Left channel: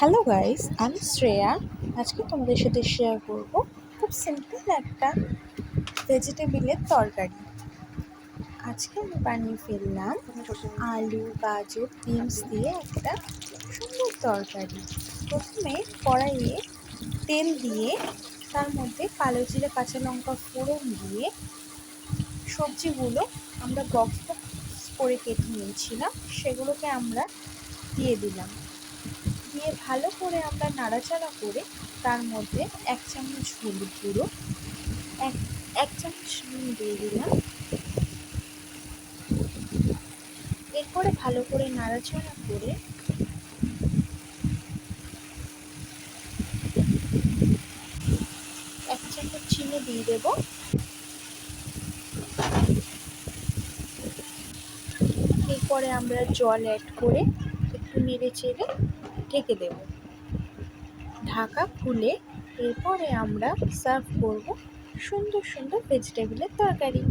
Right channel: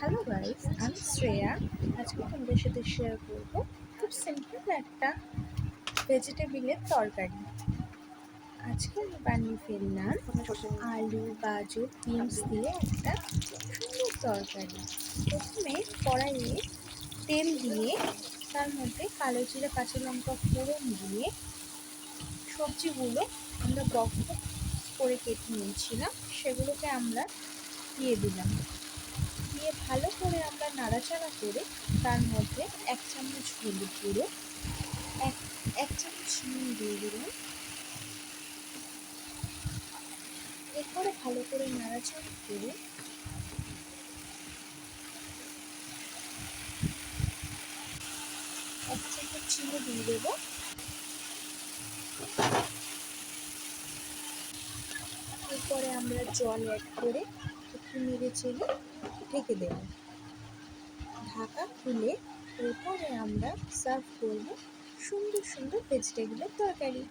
Hello guys, আমি শ্রেয়া। আজকে তোমাদের সাথে শেয়ার করব খুব সিম্পল একটা ভেজিটেবিলের তরকারি। আজকে আমি বানিয়ে ফেললাম আলু, গাজর, বিনস দিয়ে একটা সুন্দর তরকারি। প্রথমে কড়াইয়ে তেল দিয়ে তার মধ্যে কালো জিরে, কাঁচা লঙ্কা ফোড়ন দিয়ে সবজিগুলো আমরা বক্স বক্স করে কেটে নিয়েছিলাম, সেগুলোকে আমরা দিয়ে দিলাম। দিয়ে ভালো করে আমরা নাড়াচাড়া করে তার মধ্যে 1 চামচ হলুদ গুঁড়ো, এক এক চামচ নুন দিয়ে দিলাম। এরপরে ভালো করে নাড়াচাড়া করে 1 চামচ চিনি দিয়ে দেব। এরপরে আমরা জল অ্যাড করে একটু নেড়ে চেড়ে ঢেকে দেব, ঢাকা খুলে। এরপরে আমরা সার্ভ করব সুন্দর সুন্দর ভেজিটেবিলের তরকারি।